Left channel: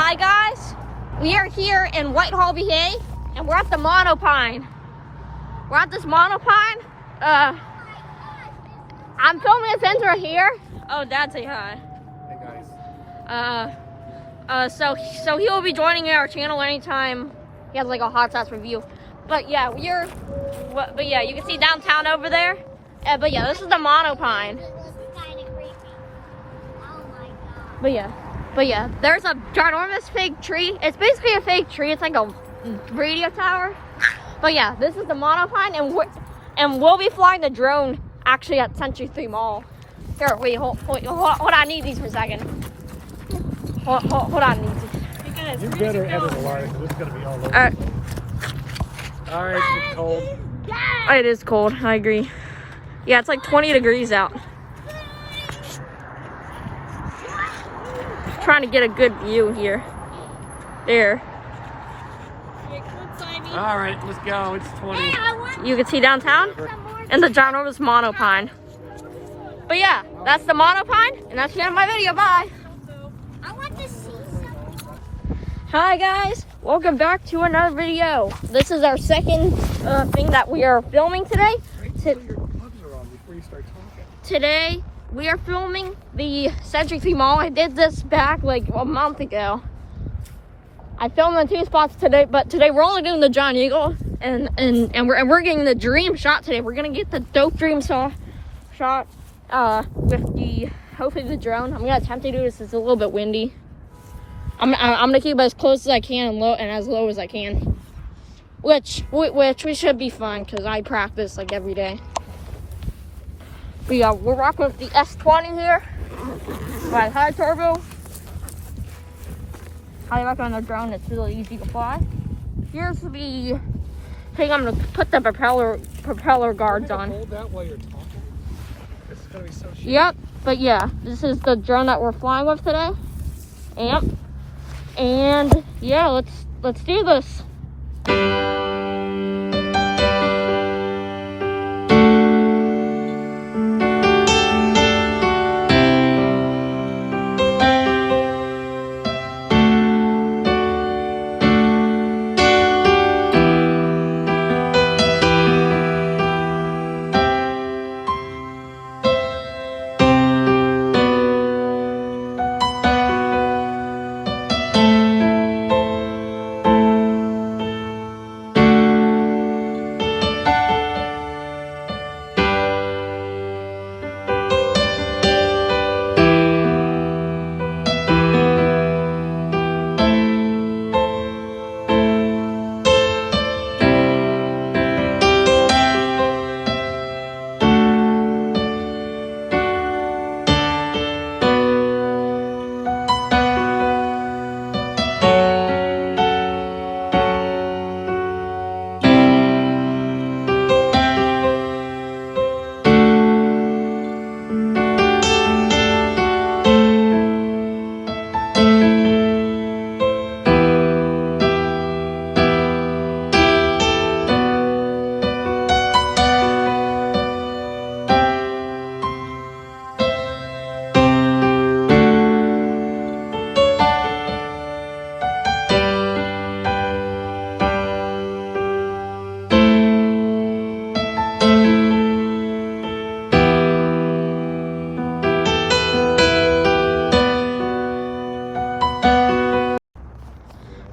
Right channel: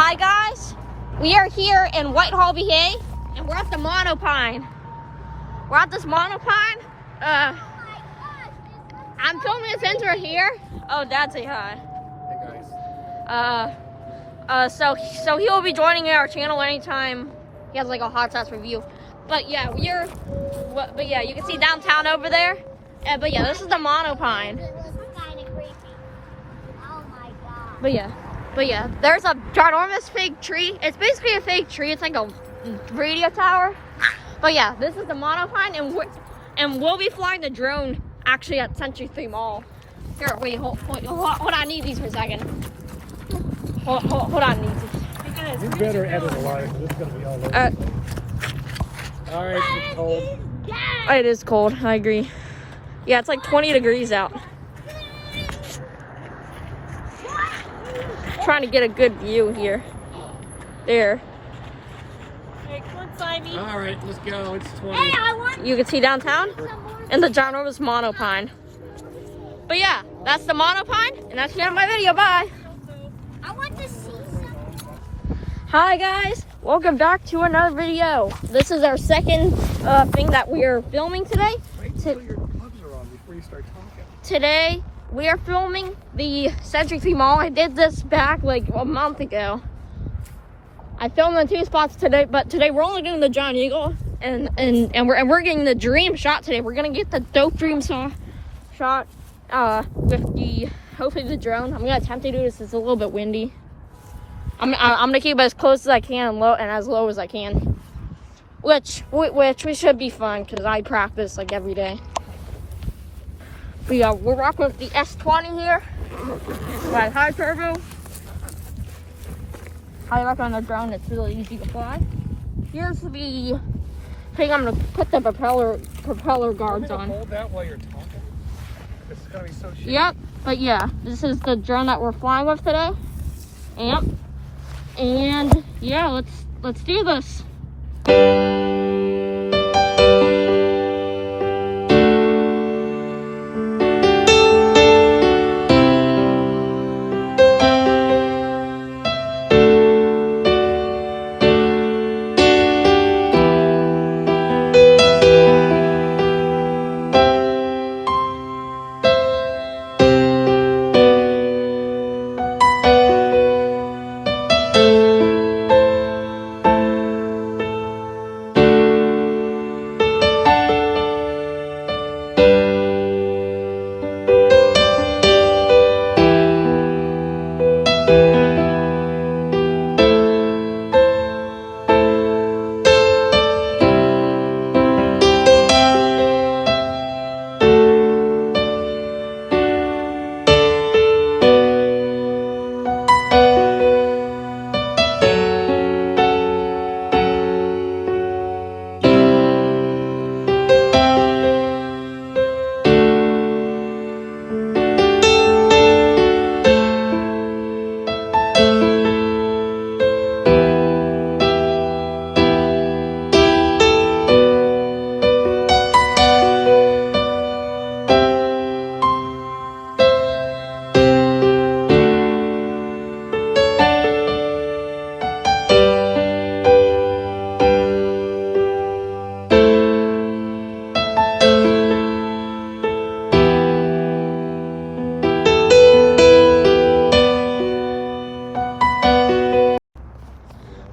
Hi guys, we are here in Whitehall, VA, and we're at the monopine. We're at this monopine. I'm filming a center here. Oh, Dad, say hi. Hey guys. So he will be joining our channel anytime he has like a hot sauce review. But yeah, you can see downtown over there. But yeah, this is the monopine. But yeah, there's a ginormous fake tree. It's basically a fake tree. It's like a radio tower. But yeah, this is the monopine, and we'll be flying the drone actually at Century 3 Mall. Here, wait, hold on. I need these for a second. Hold on, these. You better edit a lot because it's gonna be all over. Alright, it's cold. It is cold. I agree. Yeah, it's like 20 degrees out. Trying to get a good view here. There. Alright, let's go. It's 20. You can see downtown and the ginormous monopine. But yeah, that's the monopine, and that's the end of my video. Bye. I want to see something. Hi guys, welcome back to another video. This is our second thing that we are filming today. Wait until your gloves are on before you start talking. Today we are filming the Century 3 Mall. I did this back like a month ago. I filmed in 2 spots today, but today we're only doing the John Eagle, and we're getting the dream shot today. We're gonna get the dope dream shot with hopefully the drone. I'm gonna attempt to do this. It's a little bit windy. I'm gonna keep it as close as I can and as low as I can, which we should be fine because I practice like every day. But yeah, we're rocking with the S20 here. Right, high turbo. High rock on the drone. It's really easy to fly. Here's the thing. I'm gonna put the propeller guards on. Hold that while you're talking. It's gonna be so shit. Yep. But yeah, this is the drone that we're flying with today. Yep. And yeah, let's do this.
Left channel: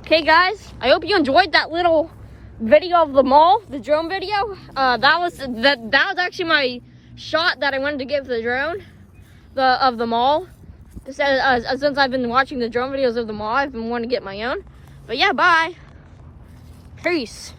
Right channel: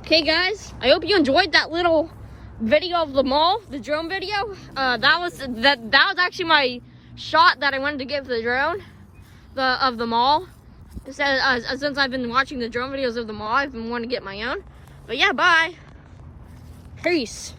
Okay guys, I hope you enjoyed that little video of the mall, the drone video. That was actually my shot that I wanted to give the drone of the mall. Since I've been watching the drone videos of the mall, I've been wanting to get my own. But yeah, bye. Peace.